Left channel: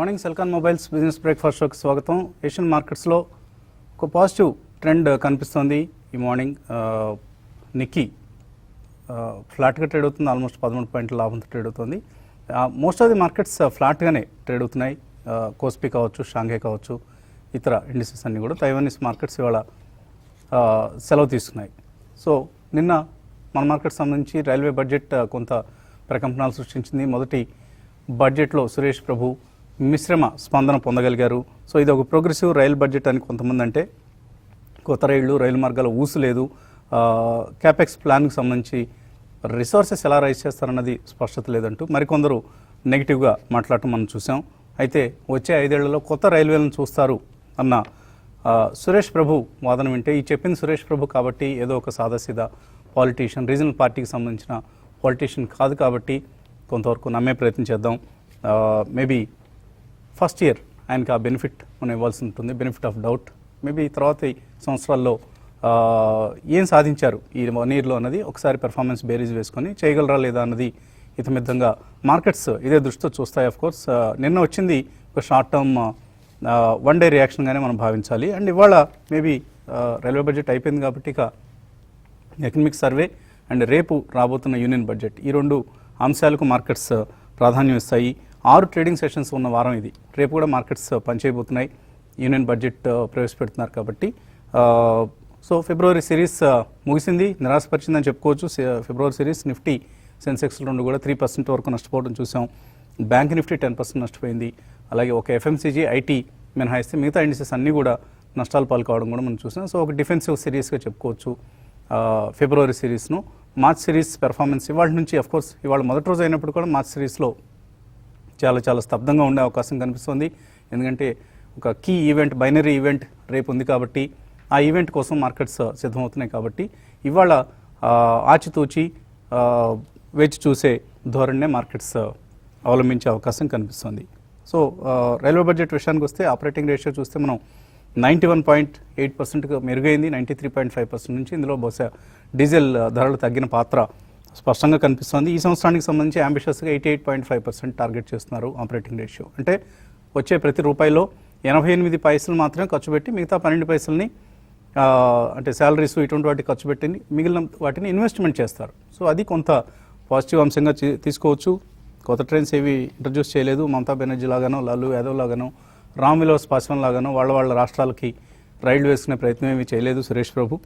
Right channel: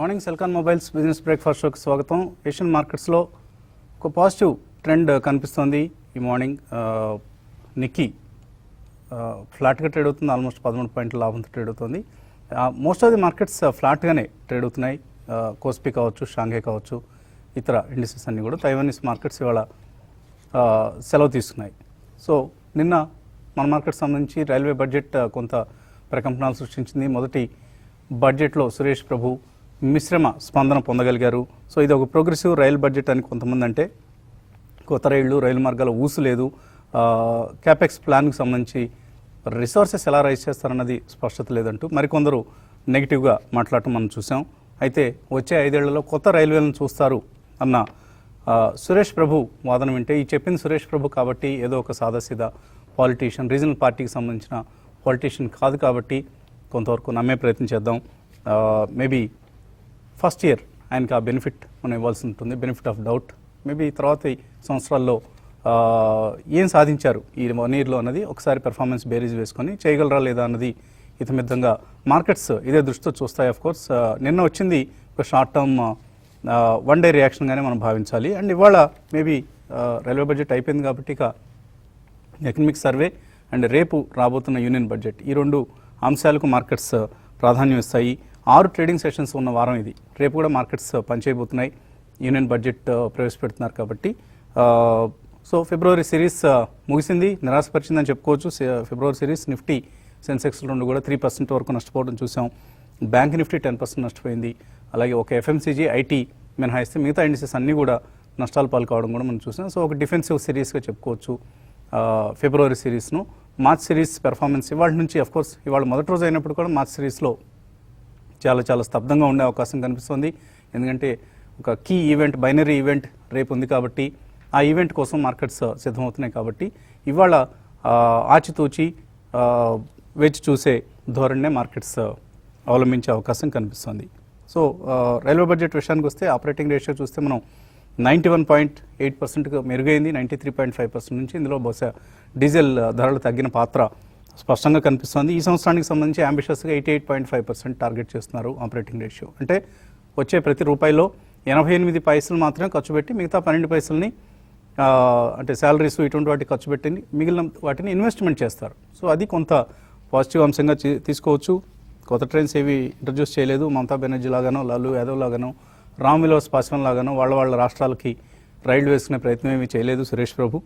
Morning Celkon mobiles business breakfast షోకి స్వాగతం. Asian మార్కెట్స్లో ఒక పాజిటివ్ ట్రెండ్ కనిపిస్తుంది. ఈ మార్నింగ్ నిక్కీ ఫ్లాట్గా ట్రేడ్ అవుతుంది. ఆల్మోస్ట్ 13 పాయింట్ల లాభంతో ట్రేడ్ అవుతుంది. మోస్ట్ ఆఫ్ ది మార్కెట్స్ ఫ్లాట్గానే ట్రేడ్ అవుతున్నాయి. కోస్పీ కావచ్చు, షాంఘై కావచ్చు, ఇతర ఇండిసెస్ అన్నీ కూడా. తైవానీస్ మార్కెట్స్ ఇవాళ సెలవు తీసుకున్నాయి. సో నిన్న మన మార్కెట్ సంబంధించి రైల్వే బడ్జెట్ కొంత ప్రకంపనలు సృష్టించింది. మొదటి బడ్జెట్లో సురేష్ ప్రభు మిశ్రమ స్పందన పొందగలిగారు. సో ఇది ఒక ప్రోగ్రెసివ్ రైలు బడ్జెట్ అని కొంతమంది అంటే, కొత్త రైలు మార్గాల ఊసు లేదు, క్యాపెక్స్ ప్లాన్కి సంబంధించి రిసోర్సెస్ ఎలా రైజ్ చేస్తారన్నది స్పష్టత లేదంటూ మరికొందరు నెగిటివ్గా మాట్లాడటం మనం చూసాం. అయితే వచ్చే 5 ఏళ్లలో కొత్త రైల్వేలను చూస్తారు అన్న సురేష్ ప్రభు వాదన వింటే, ఈ చెప్పింది సురేష్ ప్రభు కాబట్టి ఏదో ఒక సాదాసీదా పాలిటీషియన్, రీజనల్ పార్టీకి సంబంధించిన పాలిటీషియన్ కాదు కాబట్టి కొంతవరకు నమ్మే ప్రయత్నం చేద్దాం. మేబీ ఫస్ట్ ఇయర్ ఆయనకి ఆ బెనిఫిట్ మనం ఇవ్వాల్సి ఉంటుంది, బెనిఫిట్ ఆఫ్ డౌట్. మేబీ తర్వాత సంవత్సరాల్లో ఏం సాధించారు ఈ 1 ఇయర్లో అన్నది ఒకసారి పెర్ఫార్మెన్స్ బేరీజ్ వేసుకొని చేయగలరా లేదా అన్నది ఇతమితంగా మార్కెట్స్ ఇదే దృష్టితో చూస్తాయి. ఆఫ్ కోర్స్ నిన్న వచ్చింది ఒక షార్ట్ టర్మ్ 1 డే రియాక్షన్గానే మనం భావించాలి. అండ్ ఇవాళ మేబీ రైల్వే బడ్జెట్ అయిపోయింది కాబట్టి ఇక ఎకనామిక్ సర్వే అండ్ రేపు రాబోతున్న యూనియన్ బడ్జెట్, ఈ 2 అంశాలకు మార్కెట్స్ ప్రాధాన్యం ఇస్తాయి. 6 ట్రేడింగ్ సెషన్స్ ఉన్న వారం ఇది. రేపు కూడా మార్కెట్స్ పనిచేయబోతున్నాయి. యూనియన్ బడ్జెట్ ప్రవేశపెడుతున్నారు కాబట్టి. సో ఫిబ్రవరి సిరీస్ ముగిసింది, నిరాశపరిచిందని చెప్పుకోవచ్చు. ఫిబ్రవరి సిరీస్ నిఫ్టీ, సెన్సెక్స్ రెండు కూడా 3% వరకు నష్టపోవడం చూసాం. బ్యాంక్ నిఫ్టీ 10% నష్టపోయింది. అలాగే ఒక ఎఫ్ఎంసీజీ, ఐటీ మినహాయిస్తే మిగతా ఇండిసెస్ అన్నీ కూడా నష్టాలు పాల్కావడం కూడా మనం చూసాం. సో ఒక డిఫెన్సివ్ సిరీస్గా చెప్పుకోవచ్చు ఫిబ్రవరి సిరీస్ను. మార్చ్ సిరీస్ పెర్ఫార్మెన్స్ ఇవాళ నుంచి, అఫ్కోర్స్ ఇవాళ మొదటి రోజు అయినప్పుడు కూడా మార్చ్ సిరీస్లో చాలా స్తబ్దంగా ఉండే అవకాశం కనిపిస్తుంది. ఎందుకంటే ఒక కీ ఈవెంట్, బైనరీ ఈవెంట్ రేపు ఉంది కాబట్టి ఆ ఈవెంట్ కోసం మార్కెట్స్ సిద్ధమవుతున్నాయి. కాబట్టి ఇవాళ ఆచితూచి వేచి చూసే ధోరణినే మార్కెట్స్ అవలంబించే అవకాశం కనిపిస్తుంది. సో రైల్వే బడ్జెట్ విషయానికి వస్తే ఆపరేటింగ్ రేషియో చూస్తే మనం 91.8%గా మెరుగైంది 93.5% నుంచి. ఇందులో బహుశా డీజిల్ ధరలు తగ్గిన పాత్ర స్పష్టంగా కనిపిస్తుంది. ఈ సంవత్సరానికి సంబంధించి అంబిషియస్గా 88.5% టార్గెట్ చేస్తున్నారు ఆపరేటింగ్ రేషియో. అంటే వచ్చే ప్రతి రూపాయిలో 88 పైసలు మాత్రమే ఖర్చు పెట్టి మిగతా 12 పైసలని అంటే శాలరీస్ ఇటువంటి వాటికి ఖర్చు పెట్టి మిగిలిన వాటిని ఇన్వెస్ట్మెంట్ చేస్తారు. సో అది కొంత పాజిటివ్ అంశంగా తీసుకోవచ్చు. కొత్త ట్రైన్స్ ఏవి ఇంట్రడ్యూస్ చేయలేదు. మమతా బెనర్జీ లాగానో, లాలూ యాదవ్ లాగానో, రామ్ విలాస్ పాస్వాన్ లాగానో వాళ్ళ రాష్ట్రాలకి రైళ్లు వేసుకునే ప్రయత్నం ఏమీ చేయలేదు సురేష్ ప్రభు.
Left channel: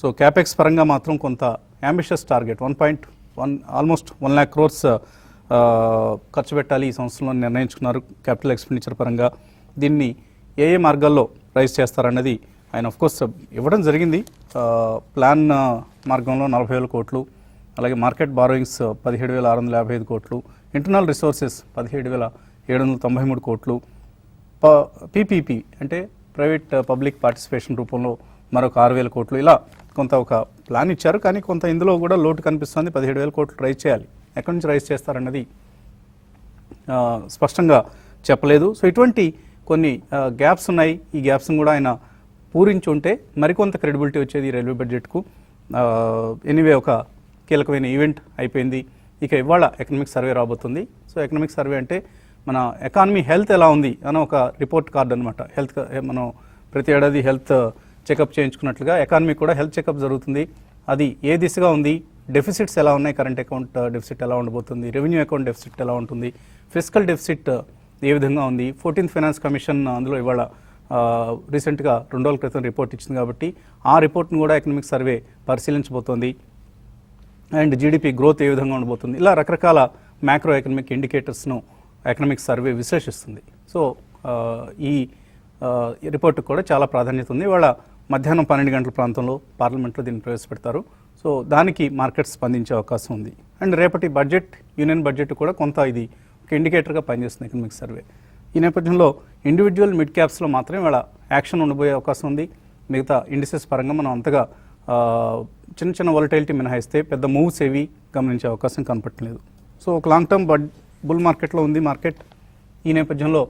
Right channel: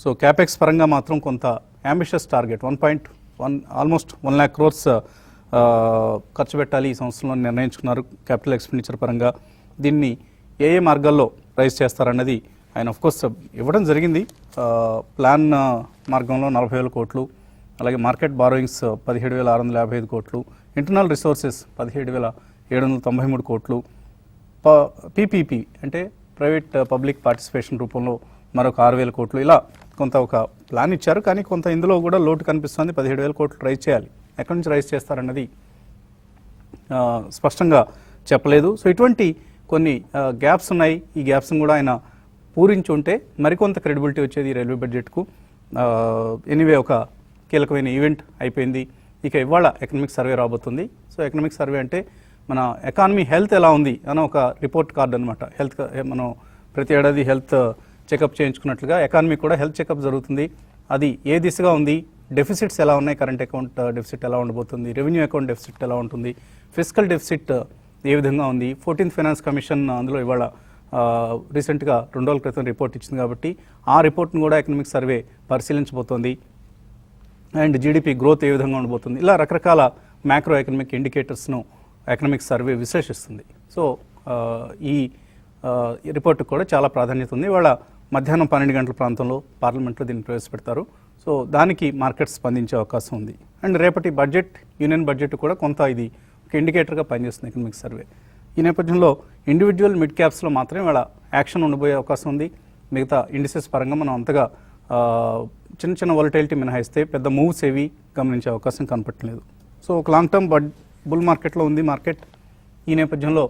సో క్యాపెక్స్ పరంగా మాత్రం కొంత ambitious target almost 1 lakh crores ఖర్చు పెట్టాలి ఈ సంవత్సరంలో నిర్ణయించుకున్నారు క్యాపిటల్ ఎక్స్పెండిచర్ పరంగా. దీన్ని ఏ మార్గాల్లో రైజ్ చేస్తారన్నది ఆయన అఫ్కోర్స్ ఇవ్వడం జరిగింది. ప్లాన్ మార్గంలో 40,000 కోట్లు, అలాగే మార్కెట్ బారోయింగ్స్ 17,655 కోట్లు, ఇంటర్నల్ రిసోర్సెస్ 17,793 కోట్లు, పీపీపీ అంటే ప్రైవేట్ పబ్లిక్ పార్టిసిపేషన్ రూపంలో మరొక 6,000 కోట్లు, ఇలా కొంత ఒక ప్లాన్ ఇచ్చారు. కానీ కొంత ఇందులో కూడా లోటు కనిపిస్తుంది. 17,000 కోట్లు రైజ్ చేయాలి. ఎక్కడి నుంచి రైజ్ చేస్తారన్నది స్పష్టంగా చెప్పలేదు. సో ఇటువంటి కొన్ని గ్యాప్స్ ఉన్నాయి. ఈ గ్యాప్స్ని కూడా ఆయన పూరించి ఉంటే మరికొంత క్రెడిబిలిటీ వచ్చేది ఈ రైల్వే బడ్జెట్కు. ఎనీవే ఒక కీలకమైన ఈవెంట్ అయిపోయింది. ఇక ఇవాళ ఎకనామిక్ సర్వే రాబోతుంది. సో ఎకనామిక్ సర్వే అంటే మన ఎకానమీ హెల్త్ ఎలా ఉంది అని ఒక రిపోర్ట్ కార్డ్ అనమాట. హెల్త్ మనం ప్రతి ఏడాది హెల్త్ చెకప్ చేయించుకున్నట్లుగా ఎకానమీ కూడా హెల్త్ చెకప్ జరుగుతుంది. అది ఏ దిశగా ఉంది, డెఫిసిట్స్ ఎలా ఉన్నాయి, కరెంట్ అకౌంట్ డెఫిసిట్ ఎలా ఉండబోతుంది, రెవెన్యూ అకౌంట్ డెఫిసిట్ ఎలా ఉంటుంది, ఫిజికల్ డెఫిసిట్ ఏ విధంగా ఉంది. 14th ఫైనాన్స్ కమిషన్ అందులో ఇవాళ రీసెంట్గా 2 రోజుల క్రితం రిపోర్ట్ ఇచ్చింది కాబట్టి ఆ రిపోర్ట్ను కూడా ఎకనామిక్ సర్వే పరిశీలించబోతోంది. అండ్ జీడిపి గ్రోత్ ఏ విధంగా ఉండబోతుంది, ఇలా రకరకాల మ్యాక్రో ఎకనామిక్ ఇండికేటర్స్ను ఎకనామిక్ సర్వే విశ్లేషిస్తుంది. సో ఈ రిపోర్టు కూడా చాలా ప్రాధాన్యత ఉంది. ఇవాళ మధ్యాహ్నం 12 గంటల ప్రాంతంలో పార్లమెంట్లో దీన్ని ప్రవేశపెడతారు. సో దానికి మార్కెట్ స్పందించే అవకాశం ఉంది. అండ్ రేపటి బడ్జెట్, యూనియన్ బడ్జెట్ కూడా కొంత ఇది ఒక ఇండికేటర్గా పనిచేస్తుంది ఎకనామిక్ సర్వే. ఈ నేపథ్యంలో ఇండివిజువల్ మిడ్ క్యాప్స్లో మాత్రమే ఇవాళ యాక్షన్ ఉండబోయే అవకాశం ఉంది. మిగతా ఇండిసెస్ పరంగా మనం అంతగా చిన్న వాలటిలిటీ మినహాయిస్తే పెద్ద మూవ్స్ ఏవి గమనించే అవకాశం కనపడలేదు. సో ఒక లాంగ్ టర్మ్ బుల్ మార్కెట్లో ఉంది మార్కెట్. ఈ నేపథ్యంలో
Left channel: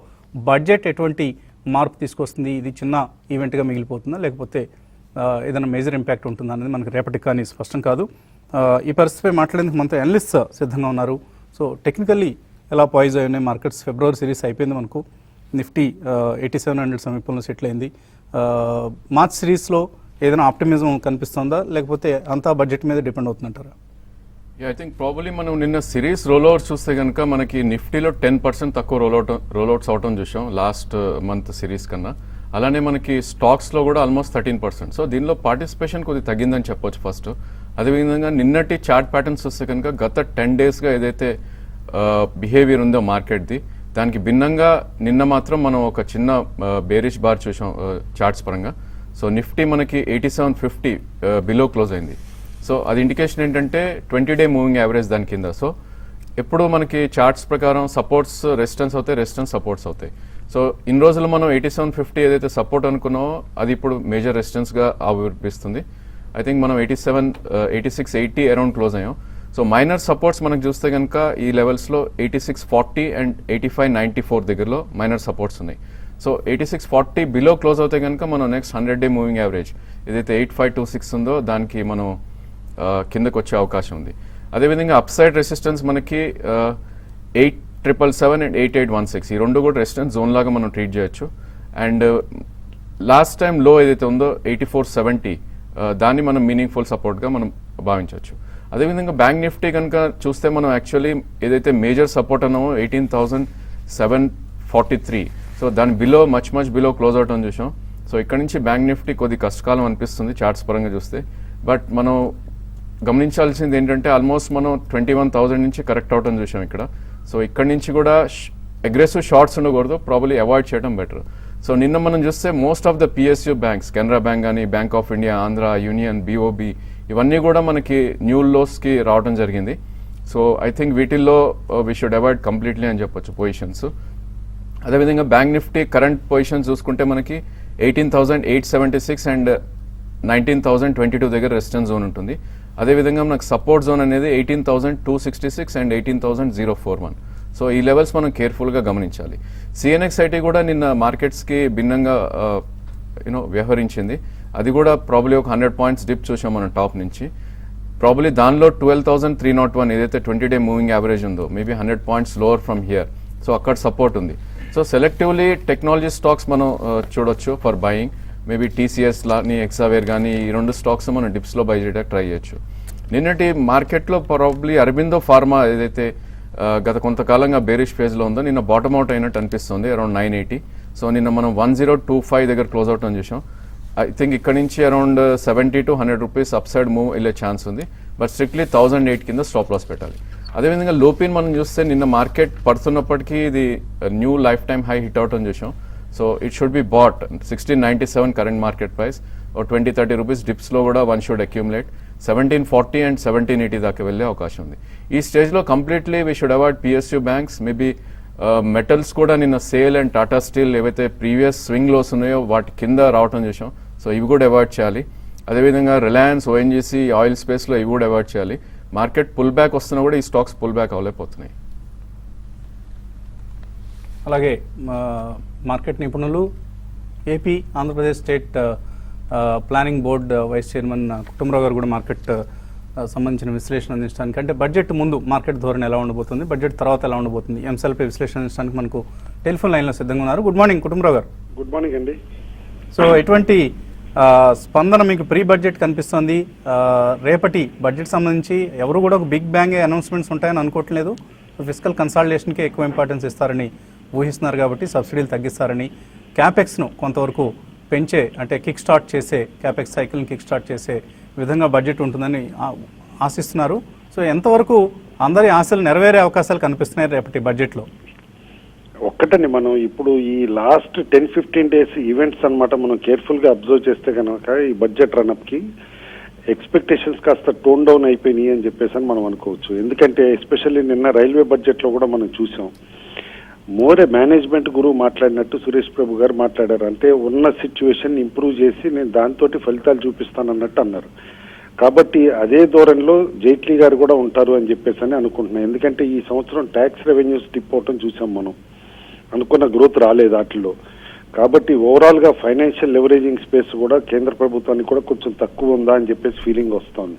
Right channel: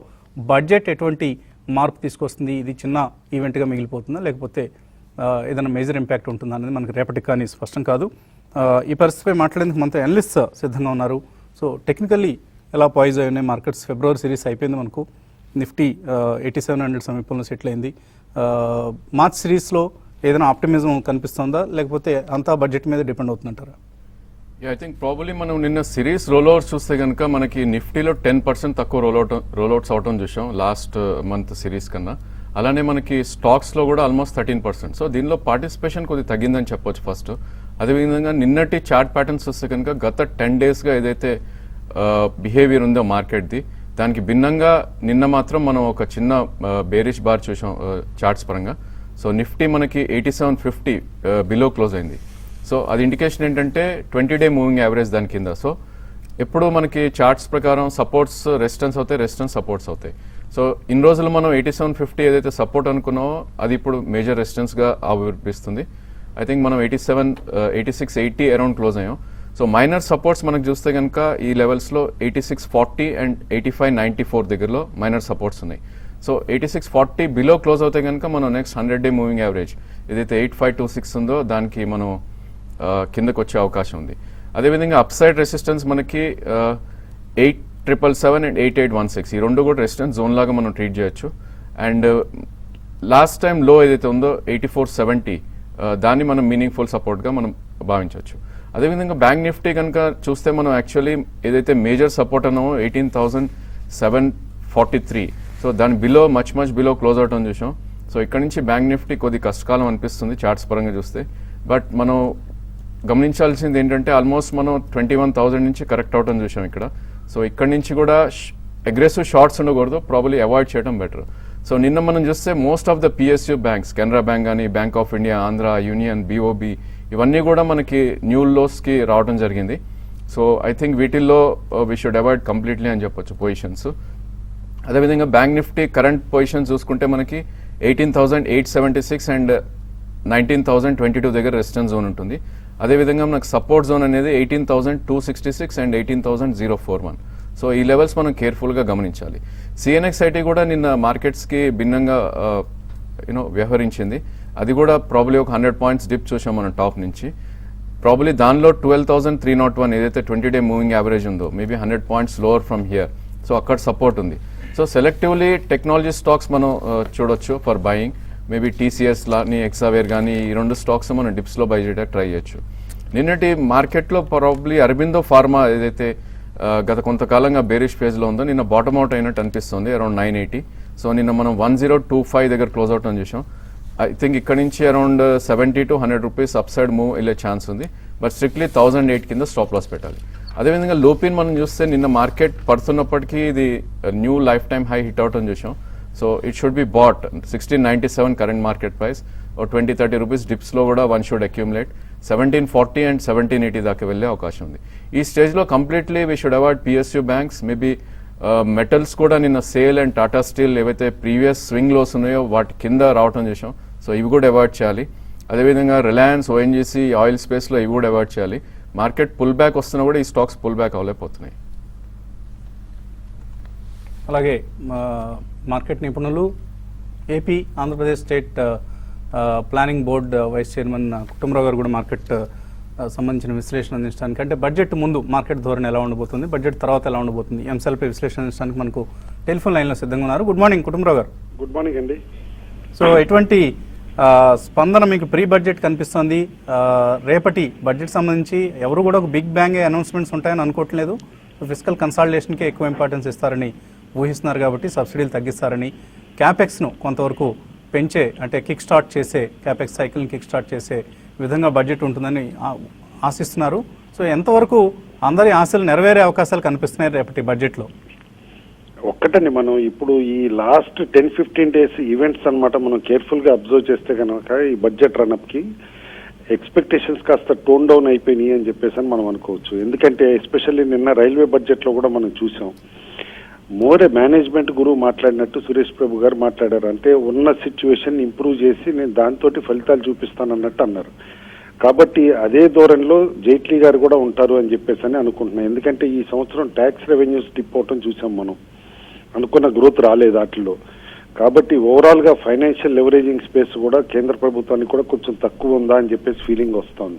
బడ్జెట్ ఎటువంటి మార్పు తీసుకొస్తుంది, ఇది చిన్న ఈవెంట్గా మిగిలిపోతుందా లేకపోతే ఏదైనా మేజర్ ఇంపాక్ట్ ఉంటుందా అనేది మనకు రేపటి కానీ స్పష్టం కాదు. ఈ పరిస్థితిపై మాట్లాడేందుకు మనతో అనలిస్ట్ సిద్ధంగా ఉన్నారు. సో టెక్నికల్లీ ఎలా పాయిజ్ అయినాయి మార్కెట్స్. ఫిబ్రవరి సిరీస్ అయిపోయింది మనకు. నిఫ్టీ 8700 సమీపంలో సెటిల్ అయింది. మార్చ్ సిరీస్లో ఏదైనా ఆప్టిమిజం కనిపిస్తుందా, లేకపోతే అంతా బడ్జెట్ మీద డిపెండ్ అవుతుందంటారా? ఐ థింక్ ప్రాబబ్లీ మనం నిన్న సిరీస్ రోల్అవుట్స్ చూస్తే కనుక మనకి నిఫ్టీలో 10% తక్కువ రోల్అవుట్స్ అవటం చూసాం లాస్ట్ మంత్ సిరీస్ కన్నా. అలానే మనకి స్టాక్స్ లో కూడా ఆల్మోస్ట్ 13%. సో దీనిలో పార్టిసిపేషన్ కొద్దిగా తగ్గిందని చెప్పొచ్చు ఫస్ట్. అదేవిధంగా నిన్నటి చార్ట్ ప్యాటర్న్స్ చూస్తే కనుక గత 10 days గా ఏదైతే బిహేవియర్ ఉందో మార్కెట్ది, దానికి భిన్నంగా నిన్న మాత్రం మనం ఒక చిన్న బేరిష్ బార్ చూసాం చార్ట్స్ పరంగా. సో నిఫ్టీ మనకి 8750 బిలో క్లోజ్ అయింది. సో అది ఇండికేషన్ ఏంటంటే 20-day మూవింగ్ యావరేజ్ దాని కింద. సో ఎప్పుడు మనకి చార్ట్స్ ప్రకారం సపోర్ట్స్ రెసిస్టెన్స్ అవుతాయి, రెసిస్టెన్స్ సపోర్ట్స్ అవుతాయి. సో ఇన్ని రోజులు మనం 8750 ఏదైతే సపోర్ట్ అనుకున్నామో అది ఇప్పుడు మేజర్ రెసిస్టెన్స్ గా ఆవిర్పిస్తుంది. ఐ థింక్ మనం 8680 అరౌండ్ క్లోజ్ అయ్యాం. సో మైనర్ సపోర్ట్స్ మనకు చూస్తే కనుక ఈ లెవెల్స్ లో 8640 అండ్ 8594 దగ్గరలో మైనర్ సపోర్ట్స్ ఉన్నాయి. సో 8640 బిలో క్లోజ్ అవుతే కనుక మనం నెక్స్ట్ 100-day మూవింగ్ యావరేజ్ ఏదైతే 8526 ఉందో దానికి మనం కిందకు వచ్చే అవకాశం ఉంది. అదేవిధంగా అప్ సైడ్ రెసిస్టెన్స్ మనకి 8777 అండ్ 8816 ఈ రెండు కూడా రెసిస్టెన్స్ జోన్ లాగా మనం ట్రీట్ చేయొచ్చు. అండ్ లాస్ట్ టైం లో ఏదైతే ఉందో 8470 దాన్ని మనం మీనింగ్ఫుల్ సపోర్ట్ గా మనం భావించవచ్చు. అదేవిధంగా బ్యాంక్ నిఫ్టీ కనుక చూస్తే మనం యాక్చువల్లీ ఏదైతే మేజర్ సపోర్ట్ అన్నామో 18743, సో దాని బిలో మచ్ బిలో క్లోజ్ అవటం చూసాం. సో ఇక్కడ నుంచి బ్యాంక్ నిఫ్టీ కొద్ది కష్టకాలం అనిపిస్తుంది చార్ట్స్ పరంగా చూస్తే. బట్ మనం గమనించాల్సింది ఏంటంటే ఆల్మోస్ట్ మనం 21,000 నుంచి కరెక్ట్ అవటం చూసాం ఇక్కడ. సో ఇక్కడ నుంచి కూడా అగ్రెసివ్ షార్ట్స్ ఉండకూడదు, ప్రాబ్లీ అవాయిడ్ చేయడం బెటర్. సో నిన్న మనం చూస్తే most of the PSU banks, Canara bank కానీ, bank of India, Andhra, union, BOB ఇవన్నీ కూడా మనకి న్యూ లోస్ కి రావడం జరిగింది. సో ఐ థింక్ వీటిల్లో వీ షుడ్ అవాయిడ్ కంప్లీట్లీ అని చెప్పొచ్చు పొజిషన్స్. అదేవిధంగా బ్యాంక్ నిఫ్టీ కరెంట్ పొజిషన్ చూసుకుంటే మనకి 18,876 అండ్ 19,022 దగ్గర రెసిస్టెన్స్ జోన్ ఉంటుంది. అదేవిధంగా మనకు సపోర్ట్ జోన్ అనేది 18,266 అండ్ 18,041. సో ఈ లెవెల్స్ మనం కేర్ఫుల్ గా గమనించాలి. సిఎన్ఎక్స్ఐటీ కూడా నిన్న మార్కెట్స్ కి భిన్నంగా వ్యవహరించింది. అది కూడా ప్రాబ్లీ ఒక 100 points డిప్ చూసాం మనం టాప్ నుంచి. ప్రాబ్లీ దానిలో 12,301 ఏదైతే 20-day మూవింగ్ యావరేజ్ ఉందో maybe 100 points lower from here. So అక్కడ సపోర్ట్ ఉంది. సో సెలెక్టివ్లీ టెక్నాలజీ స్టాక్స్ మనం చూడొచ్చు ఫర్ బయింగ్. మేబీ టీసీఎస్ లాని, ఎక్సావేర్ కానీ ఈ రెండు స్టాక్స్ మనం డిప్స్ లో బై చేయడానికి ట్రై చేయొచ్చు. నిన్నటి మార్కెట్ లో ప్రాబ్లీ అరబిందో ఫార్మా ఏదైతే గత కొంతకాలంగా బేరిష్ ఫేజ్ లో ఉందో నిన్న బాటమ్ అవుట్ అయినట్టు అనిపిస్తుంది అరౌండ్ 980. సో నిన్న మనం 1025 దగ్గర క్లోజ్ అవుట్ అని చూసాం. ఐ థింక్ ఇక్కడ నుంచి around 70 to 100 rupees up side move వెళ్ళే ఛాన్స్ ఉంది. బట్ స్ట్రిక్ట్లీ 1008 కింద స్టాప్ లాస్ పెట్టాలి. అదేవిధంగా లూపిన్ మనం చూస్తే నిన్న మార్కెట్ పడుతున్నప్పటికీ ఇది new lifetime high hit out అని చూసాం. So it should be bought 1697 current market price. 20-30 rupees dips లో కూడా వన్ షుడ్ అక్యూములేట్. 1740 అండ్ 1780 దాకా వెళ్ళే అవకాశం ఉంది. ఈ స్టేజ్ లో completely we should avoid PSU banks. Maybe metals కూడా నిన్న సేల్ అండ్ టాటా స్టీల్ ఏవైతే ప్రీవియస్ స్వింగ్ లోస్ ఉన్నాయో వాటి కింద రావడం చేసాం. సో ఇవి కూడా అవాయిడ్ చేయాలి. అదేవిధంగా రిలయన్స్, ఓఎన్జీసీ, ఆయిల్ స్పేస్ లో ఇవి కూడా అవాయిడ్ చేయాలి. మార్కెట్ పుల్ బ్యాక్ వస్తున్నా కూడా ఈ స్టాక్స్ పుల్ బ్యాక్ అవ్వలేకపోతున్నాయి. అలాగే మార్కెట్ నిపుణులు, AP Andhra Pradesh state planning board vice chairman Kutumbarao గారు కూడా మార్కెట్ సంబంధించిన విశ్లేషణ అందించడానికి, అంటే బడ్జెట్ ముందు మార్కెట్ ధోరణి ఎలా ఉండబోతుంది, బడ్జెట్ తర్వాత ఎలా ఉండబోతుంది అంశాలపై విశ్లేషణ అందించడానికి మనకు టెలిఫోన్ లైన్ లో సిద్ధంగా ఉన్నారు. గుడ్ మార్నింగ్ కుటుంబరావు గారు. గుడ్ మార్నింగ్ అండి. సో ఎటువంటి స్పందన మీకు ప్రీ బడ్జెట్ కనిపిస్తుంది? రేపటి బడ్జెట్ సంబంధించి ఎవరు కూడా ఒక బిగ్ బ్యాంగ్ అనౌన్స్మెంట్స్ ఉంటాయని అనుకోవట్లేదు. ఫిజికల్ కన్సాలిడేషన్కే ఎక్కువ ఇంపార్టెన్స్ ఇస్తారని ఊహిస్తున్నారు కాబట్టి సబ్సిడీలు తగ్గిస్తారని, క్యాపెక్స్ను కొంతవరకు పెంచే అంటే కిక్ స్టార్ట్ చేసే క్యాపెక్స్ సైకిల్ని కిక్ స్టార్ట్ చేసే విధంగా బడ్జెట్ ఉంటుందని ఆశిస్తున్నారు. సో ఎంతవరకు అందరి ఆశలు నెరవేరే అవకాశాలు కనిపిస్తున్నాయి రేపటి బడ్జెట్లో? ఒక్కటని మనం ఇప్పుడు ఈ లాస్ట్ 10-15 days ఈవెంట్స్ అన్నమాట మనం కేర్ఫుల్ గా అబ్జర్వ్ చేస్తే కనుక ఈ బడ్జెట్ రన్అప్ కి ఎక్స్పెక్టేషన్స్ కాస్త టోన్ డౌన్ అయిపోయినాయి అని చెప్పేసి మనం అనుకోవచ్చు. ఎందుకంటే ఎస్పెషల్లీ నిన్న రైల్వే బడ్జెట్ లో కూడా మనం చూసాం, మోరే మేనేజ్మెంట్ గురువు మాట్లాడినట్టు సురేష్ ప్రభు గారు మాట్లాడారు. అంటే ఉన్న సిచ్యువేషన్ ఇంప్రూవ్ చేసి నేను దాంతో ఫలితాలు చూపిస్తాను అన్నట్టు అన్నారు. కాబట్టి అదే ధోరణిలో జైట్లీ గారు కూడా ఉంటారు అని చెప్పేసి అని అనుకుంటున్నాను. ఎందుకంటే ఈ సంవత్సరం ట్యాక్స్ రెవెన్యూస్ డిప్ అవటం చూసాం మనం, అనుకున్న గ్రోత్ రాలేదు వాటిలో. కాబట్టి ఓవరాల్ గా ఫైనాన్షియల్ లెవరేజింగ్ స్పేస్ కూడా కేంద్ర ప్రభుత్వానికి కూడా కొంచెం తక్కువ ఉందా అని చెప్పేసి ఫీలింగ్ వస్తుంది.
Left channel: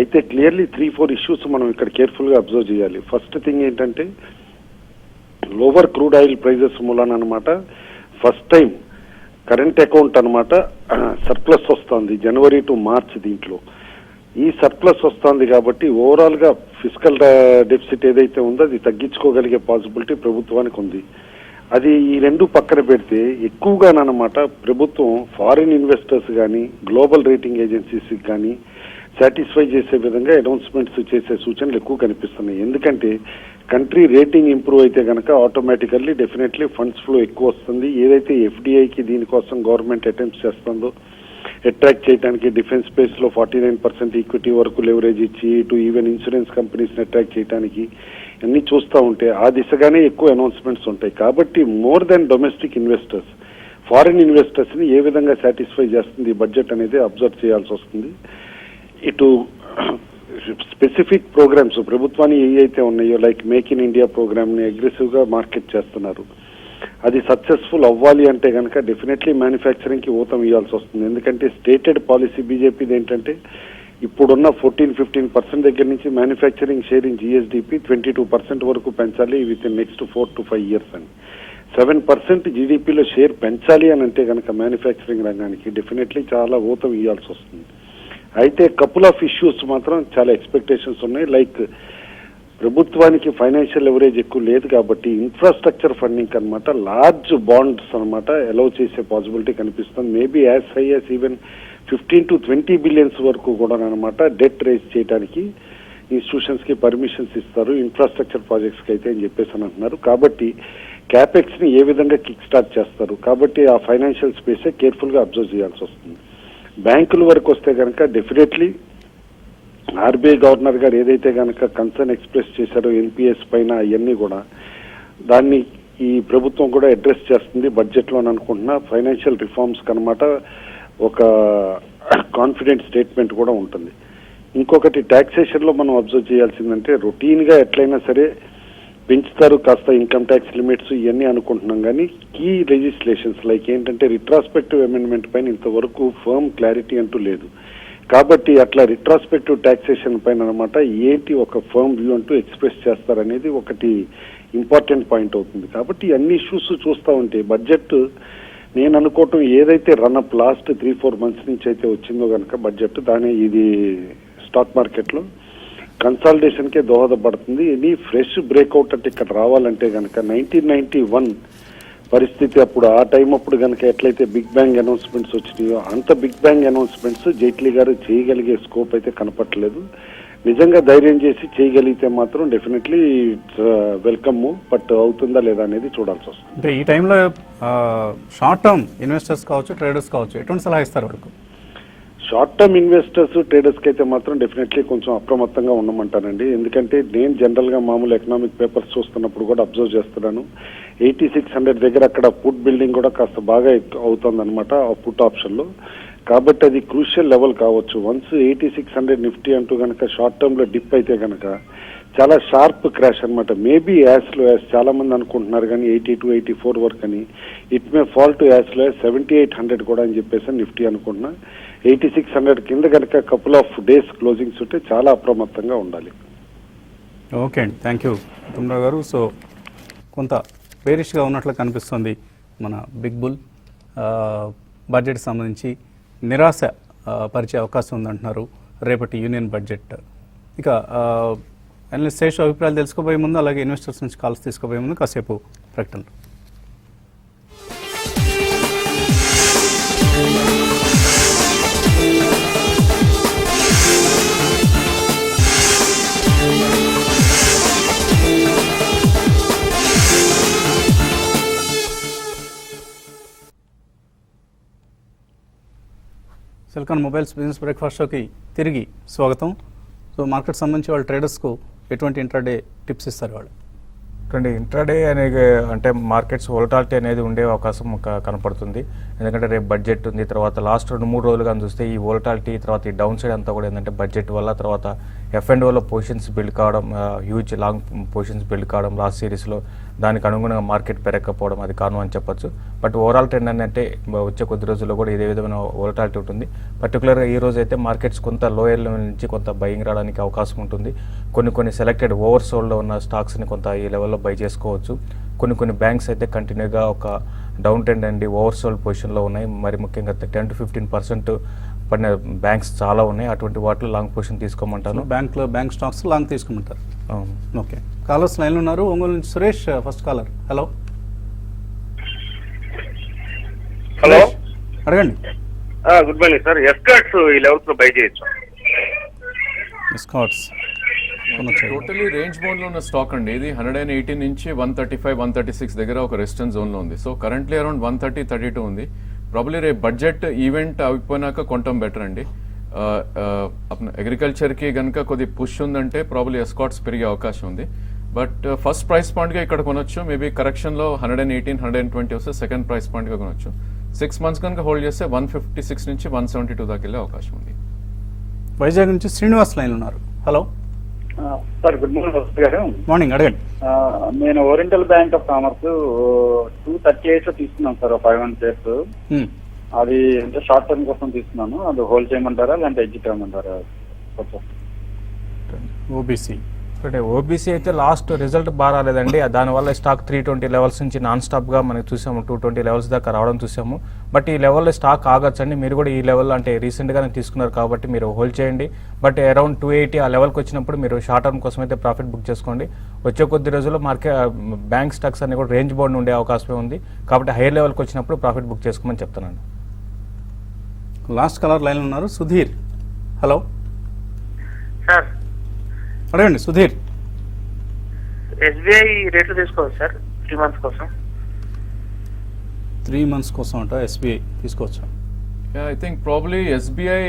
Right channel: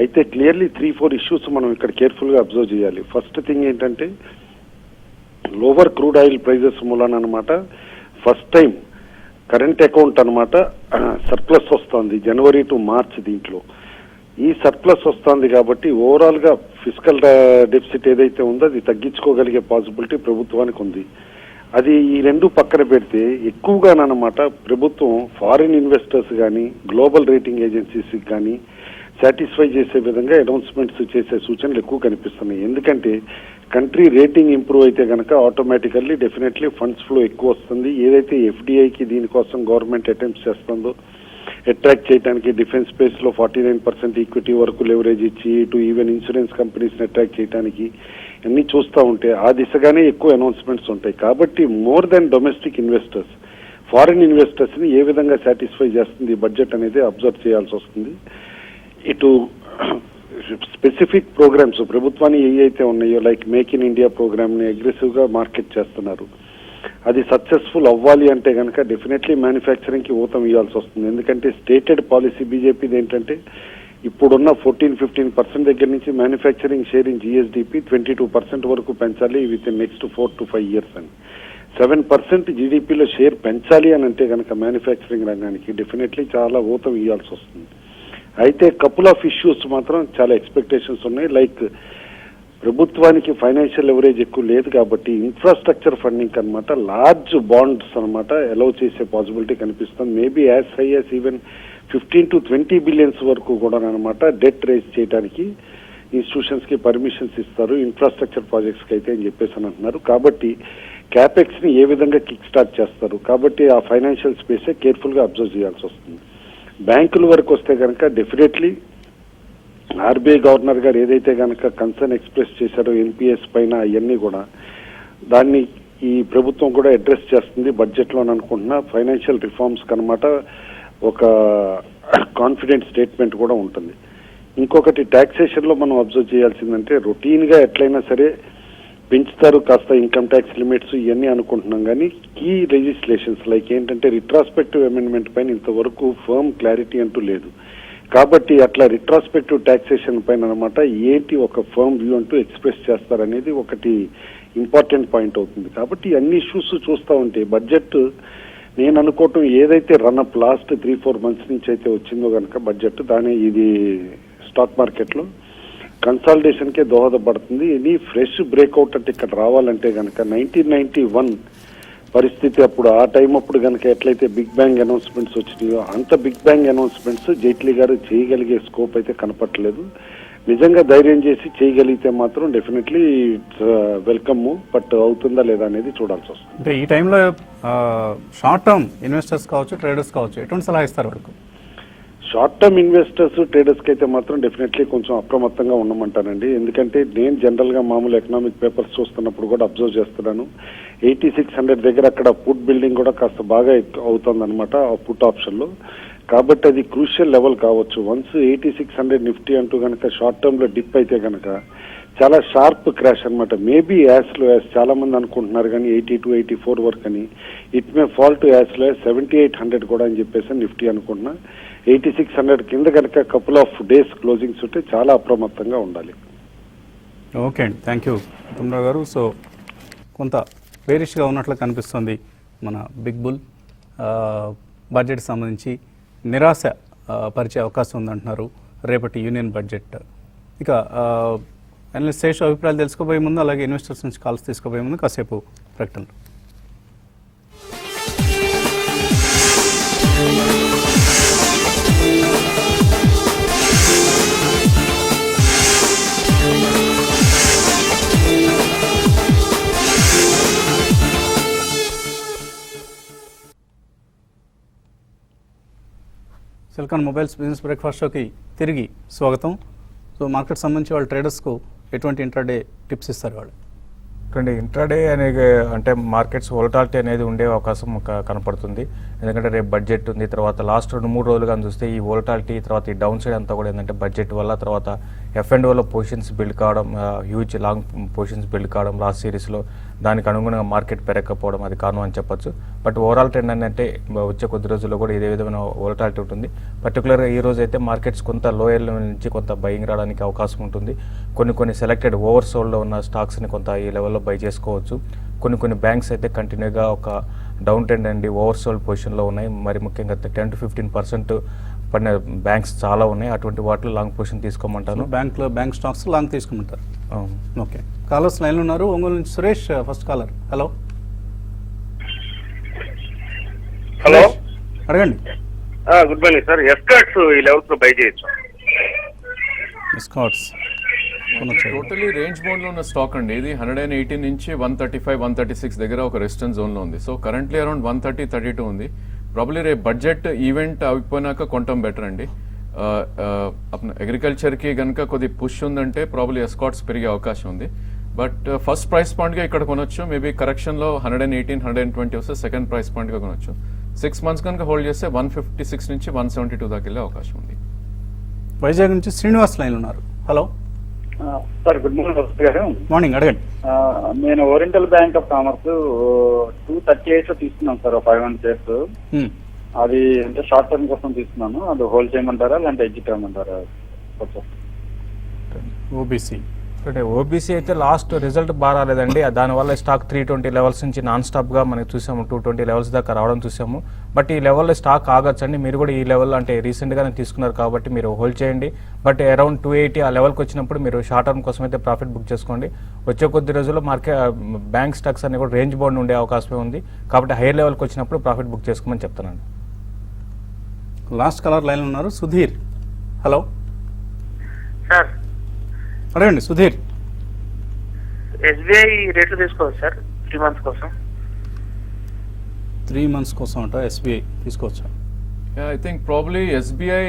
అయితే క్లియర్లీ 3-4 ఇష్యూస్ మనం ఇక్కడ కేర్ఫుల్ గా అబ్జర్వ్ చేయాలి. ఫస్ట్ థింగ్ ఏంటంటే లోవర్ క్రూడ్ ఆయిల్ ప్రైజెస్ మూలాన అనమాట ఫస్ట్ టైం కరెంట్ అకౌంట్ అనమాట సర్ప్లస్ వస్తుంది జనవరి టు మార్చ్. దీంట్లో ఈ సర్ప్లస్ వస్తుంది కాబట్టి ఓవరాల్ గా ఫిజికల్ డెఫిసిట్ ఏదైతే ఉందో అది తగ్గించుకోగలిగే పాసిబిలిటీ ప్రభుత్వానికి ఉంది. అది ఈ రెండు పక్కన పెడితే ఎక్కువగానమాట ప్రభుత్వం ఫారిన్ ఇన్వెస్టర్స్ కానీ గ్లోబల్ రేటింగ్ ఏజెన్సీస్ కానీ సాటిస్ఫై చేసే విధంగా అనౌన్స్మెంట్స్ చేసే సూచనలు ఎక్కువ కనిపిస్తున్నాయి. ఎందుకంటే కంట్రీ రేటింగ్ ఇంప్రూవ్ అయితే కనుక ఆటోమేటికల్లీ డెఫినెట్లీ ఫండ్స్ ఫ్లో ఎక్కువ వస్తుంది. ఏదైతే ఎఫ్డిఐకి దీనికోసం గవర్నమెంట్ అటెంప్ట్స్ చేస్తుందో అట్రాక్ట్ చేయడానికి డిఫెన్స్ స్పేస్ లో 49% ఈక్విటీ వరకు లెవరేజ్ ఇచ్చి ఇటు ఈవెన్ ఇన్సూరెన్స్ కంపెనీస్ ని అట్రాక్ట్ చేయడానికి అన్ని చూస్తూ ఉంటే ఆ దిశగానే ఎక్కువ అనౌన్స్మెంట్స్ ఉంటాయి. కాబట్టి more than domestic investors foreign investors ని ఏ విధంగా సాటిస్ఫై చేస్తుంది ఈ బడ్జెట్ అనేది అబ్జర్వ్ చేయాల్సి వస్తుంది. ఇటు స్పెసిఫిక్ ప్రోగ్రామ్స్ ప్రభుత్వాన్ని ఏవైతే ఉన్నాయో like make in India programme ని అగ్రెసివ్ గా మార్కెట్ చేస్తున్నారు. అది సక్సెస్ఫుల్ అవ్వాలి అంటే కనుక డెఫినెట్లీ మ్యానుఫ్యాక్చరింగ్ కి ఊతం ఇవ్వాల్సి వస్తుంది. ఎందుకంటే స్టేటెడ్ పాలసీ బీజేపీది ఏంటంటే ఇప్పుడున్న 14-15% దగ్గర నుంచి మ్యానుఫ్యాక్చరింగ్ షేర్ ఇన్ జిఎస్డిపి 22% వరకు పెంచాలి విత్ నెక్స్ట్ 4 to 5 years అని. 7% జీడీపీలో షేర్ పెంచాలి అని అంటే కనుక మ్యానుఫ్యాక్చరింగ్ రంగానికి డెఫినెట్లీ చాలా ఊతం ఇవ్వాల్సి వస్తుంది. అయితే కపుల్ ఆఫ్ ఇష్యూస్ మాత్రం చాలా ఎక్స్పెక్టేషన్స్ ఉన్నాయి. లైక్ ప్రభుత్వానికి ఫైనాన్షియల్ లెవరేజ్ ఎక్కువ లేదు కాబట్టి ఇన్ఫ్రాస్ట్రక్చర్ ఫండింగ్ అనమాట లార్జ్ బాండ్స్ అనమాట అలౌ చేసే పాసిబిలిటీ కనిపిస్తుంది. Maybe as high as even 15 to 20 billions వరకు కూడా అనమాట డెట్ రేజ్ చేయడానికి ఇన్స్టిట్యూషన్స్ కి పర్మిషన్స్ ఇస్తారు ఇన్ఫ్రాస్ట్రక్చర్ ప్రాజెక్ట్స్ కి అయితే అని చెప్పేసి అని అంటున్నారు. కాబట్టి క్యాపెక్స్ ని ఏ విధంగా కిక్ స్టార్ట్ చేస్తారు కాబట్టి ఆ ఫైనాన్షియల్ స్పేసే కేర్ఫుల్ గా అబ్జర్వ్ చేయాల్సి వస్తుంది. బ్యాంకుల వరకు వస్తే కనుక డెఫినెట్లీ ఆర్బీఐ గవర్నర్ గారు ఏదైతే కనుక కన్సర్న్ ఎక్స్ప్రెస్ చేశారో ఎన్పిఎస్ పైన అవన్నీ కూడా దాన్ని ఈ ప్రభుత్వం కూడా అడ్రస్ చేస్తుంది బడ్జెట్ లో అనుకుంటున్నా. ఫైనాన్షియల్ రిఫార్మ్స్ కనమాట ఒక కాన్ఫిడెంట్ స్టేట్మెంట్ కూడా ఉంటుంది. ఇంకొకటి టాక్సేషన్ లో మనం అబ్జర్వ్ చేయాల్సిందంటే రొటీన్ గా ఎట్లయినా సరే పెంచుతారు కాస్త ఇన్కమ్ ట్యాక్స్ లిమిట్స్ ఇవన్నీ అనుకుంటున్నాం కానీ కీ లెజిస్లేషన్స్ లైక్ ఏంటంటే రిట్రాస్పెక్టివ్ అమెండ్మెంట్ పైన ఇంతవరకు ఫర్మ్ క్లారిటీ అంటూ లేదు. కాబట్టి అట్లా రిట్రాస్పెక్టివ్ టాక్సేషన్ పైన అనమాట ఏంటి ఒక ఫర్మ్ వ్యూ అంటూ ఎక్స్ప్రెస్ చేస్తారనేది ఒకటి ఇంపార్టెంట్ పాయింట్ అవుతుంది. కాబట్టి అన్ని ఇష్యూస్ చూస్తూ ఉంటే బడ్జెట్ నేను అనుకోవటం ఏదైతే రన్అప్ లాస్ట్ 3-4 months నుంచి అయితే వచ్చిందో కనుక బడ్జెట్ దాని ఇది స్టాక్ మార్కెట్ లో కన్సాలిడేషన్ కే దోహదపడుతుంది. ఇది ఫ్రెష్ బ్రేక్అవుట్ అంటే ఇక్కడ రావాలంటే కనుక 1991 పరిస్థితి అప్పుడు ఆ టైం అప్పుడు కనుక ఎట్లయితే బిగ్ బ్యాంగ్ అనౌన్స్మెంట్స్ వచ్చినాయో అంత బిగ్ బ్యాంగ్ అనౌన్స్మెంట్స్ జైట్లీ గారు చేయగలిగే స్కోప్ అయితే కనపట్లేదు. నిజంగా ధైర్యం చేసి చేయగలిగితే మాత్రం డెఫినెట్లీ వెల్కమ్, బట్ అవుతుందా లేదా అనేది చూడాల్సి వస్తుంది. అంటే ఈ టైంలో షార్ట్ టర్మ్ ఇన్వెస్టర్స్ కావచ్చు ట్రేడర్స్ కావచ్చు ఎటువంటి సలహా ఇస్తారు వాళ్ళకు? షార్ట్ టర్మ్ ఇన్వెస్టర్స్ ట్రేడర్స్ కి అయితే మాత్రం డెఫినెట్లీ కొంచెం అప్రమత్తంగా ఉండమంటానండి. ఎందుకంటే నేను జనరల్ గా మామూలు ఎకనామిక్ పేపర్స్ చూస్తున్నప్పుడు కూడా అబ్జర్వ్ చేస్తున్నాను 8600 దగ్గర అక్కడ పుట్ బిల్డింగ్ కూడా కాస్త బాగా అవుతుంది అనమాట ఆ పుట్ ఆప్షన్ లో. కాబట్టి అది క్రూషియల్ లెవెల్ కావచ్చు. వన్స్ 8600 నిఫ్టీ అంటూ కనుక షార్ట్ టర్మ్ లో డిప్ అయితే కనుక చాలా షార్ప్ క్రాష్ అనమాట. మేబీ యాజ్ లో యాజ్ చాలా మంది అనుకుంటున్నారు కానీ 82-84 వరకు అని. It may fall to as low 7800 కూడా అని చెప్పేసి నిఫ్టీ అనుకుంటున్నా. 8600 కింద కనుక కపుల్ ఆఫ్ డేస్ క్లోజింగ్స్ ఉంటే చాలా అప్రమత్తంగా ఉండాలి. ఓకే అండి, థ్యాంక్ యూ బుమ్రా గారు. సో కొంత బేరిష్గా ఉన్నట్లు కనిపిస్తుంది మన బిగ్ బుల్. బడ్జెట్ సంబంధించి నిరాశ పరిచే అవకాశం ఉందంటున్నారు రేపటి యూనియన్ బడ్జెట్. ఇక అనలిస్ట్ శేషు అభిప్రాయాలు తెలుసుకోబోయే ముందు అలాగే ఇన్వెస్టర్స్ నుంచి కాల్స్ తీసుకోబోయే ముందు కాసేపు ప్రకటన. సిలికాన్ మొబైల్స్ బిజినెస్ బ్రేక్ఫాస్ట్ షోకి తిరిగి స్వాగతం. సో మార్కెట్ సంబంధించి వాళ్ళ ట్రేడర్స్కు ఎటువంటి ఇంట్రాడే టిప్స్ ఇస్తారు వాళ్ళు? ఇంట్రాడే అంటే మార్కెట్స్ వోల్టాలిటీ అనేది ఉండే అవకాశం కనపడుతుంది. ఎందుకంటే రేపు బడ్జెట్ ఉంది, తర్వాత లాస్ట్ 2-3 రోజులుగా చూస్తే ఈ వోల్టాలిటీ తర్వాత ఈ డౌన్ సైడ్ అంతా కూడా ఏంటంటే బడ్జెట్ వల్ల తర్వాత F&Oలో పొజిషన్స్ బిల్డ్ కావడం, హ్యూజ్ లాంగ్ పొజిషన్స్ బిల్డ్ కావడం లాస్ట్ సిరీస్లో, దానికి అనుగుణంగా మార్కెట్ పెరగకపోవడం అది కారణం అని చెప్పొచ్చు. బట్ ఓవరాల్ ట్రెండ్ అంటే వచ్చే కొద్ది రోజుల్లో కూడా ఇదే విధమైన వోల్టాలిటీ ఉంటుంది. పర్టికులర్గా ఈ రోజు అయితే మార్కెట్స్ కొంత లోయర్ నుంచి కొంత బయింగ్ రావడానికి అవకాశం ఉంటుంది. కొన్ని సెలెక్టెడ్ ఓవర్ సోల్డ్లో ఉన్న స్టాక్స్ని కొంత ఈ లెవెల్లో బై చేసుకోవచ్చు. కొన్ని బ్యాంక్స్ అయితే కంటిన్యూగా ఒక డౌన్ ట్రెండ్ అండి ఓవర్సోల్డ్ పొజిషన్లో ఉన్నాయి. మరి ముఖ్యంగా 10 to 15% పడిన బ్యాంక్స్ చాలా ఉన్నాయి. అటువంటి వాటిలో లాంగ్ పొజిషన్ తీసుకోమంటాను. బ్యాంక్ స్టాక్స్ లాంగ్ తీసుకుంటారు. అవును. ఓకే, కాలర్స్ లైన్ ఉన్నారు. ఒంగోలు నుంచి Suresh first caller. Hello hello, అడగండి. Good morning sir. ఎస్కాట్స్ ఈ లెవెల్స్ లో బై చేయొచ్చు. స్కాట్స్ టోటలీ రేంజ్ బౌండ్ లో ఉన్న స్టాక్ అండి. ఇది 180 నుంచి 135, 136 దగ్గర ఒక రెసిస్టెన్స్ జోన్ లో ఉంది. సో కరెంట్లీ అరౌండ్ 130, 32 ఉంది. ప్రాబ్లీ రేపు బడ్జెట్ ఈవెంట్ అయిపోయినాక కొంటాం బెటర్ అండి. అగ్రికల్చర్ కి కనుక కొద్ది పుష్ ఉందంటే ప్రాబ్లీ ఎస్కాట్స్ పెరిగే అవకాశం ఉంది. బట్ ఫస్ట్ ప్రైస్ పాయింట్ గా ఇక్కడ కొనొచ్చు. మేబీ కరెక్షన్ లో 118, 120 వస్తే సెకండ్ ప్రైస్ పాయింట్ గా కొనొచ్చు. 6 months కనుక హోల్డ్ చేస్తే 156 నుంచి 172 దాకా వెళ్ళే అవకాశం ఉంది. వైజాగ్ నుంచి శ్రీనివాస్ లైన్ ఉన్నారు. హలో సార్ గుడ్ మార్నింగ్ వస్తు గారు. మార్నింగ్, అడగండి. నేను ఓరియంటల్ బ్యాంక్ ఆఫ్ కామర్స్ 238 తీసుకున్నాను సార్, 500 shares. అది అంటే షార్ట్ టర్మ్ కోసం తీసుకున్నాను. అది హోల్డ్ చేయమంటారా లేదంటే ఎగ్జిట్ అవ్వమంటారా? ఓబీసీ ఓబీసీ అయితే లాస్ట్ రిజల్ట్ బాగా రాలేదండి. దానివల్ల స్టాక్ 320 లెవెల్స్ నుంచి నాన్ స్టాప్ గా మనం చూసాము, 220 లెవెల్స్ దాకా రావడం చూసాము. బట్ ఈ లెవెల్లో స్టాక్ ఆగొచ్చండి. మీరు కూడా ఈ లెవెల్ అంటే రీసెంట్ గానే తీసుకున్నారు కాబట్టి మీరు హోల్డ్ చేయండి. బట్ అరౌండ్ 280 ఆ లెవెల్కి వచ్చినప్పుడు మీరు షార్ట్ టర్మ్ కోసం అయితే ప్రాఫిట్ బుక్ చేసుకోండి. వచ్చే కొద్ది రోజుల్లో మార్కెట్ బ్యాంక్ స్టాక్స్ అనేవి కూడా రేంజ్ బౌండ్ ఉండే అవకాశం ఉంది. కాబట్టి హై లెవెల్కి వచ్చినప్పుడు ప్రాఫిట్ బుక్ చేసుకోమని చెప్తానండి. లాస్ట్ కాలర్ లైన్ ఉన్నారు. సుధీర్. హలో సార్, అడగండి సుధీర్. ఎస్బీఐ రేట్లు తీసుకోవచ్చు సార్ 3 months కోసం. 3 months కోసం అంట ఎస్బీఐ తీసుకోవచ్చా? I think probably SBI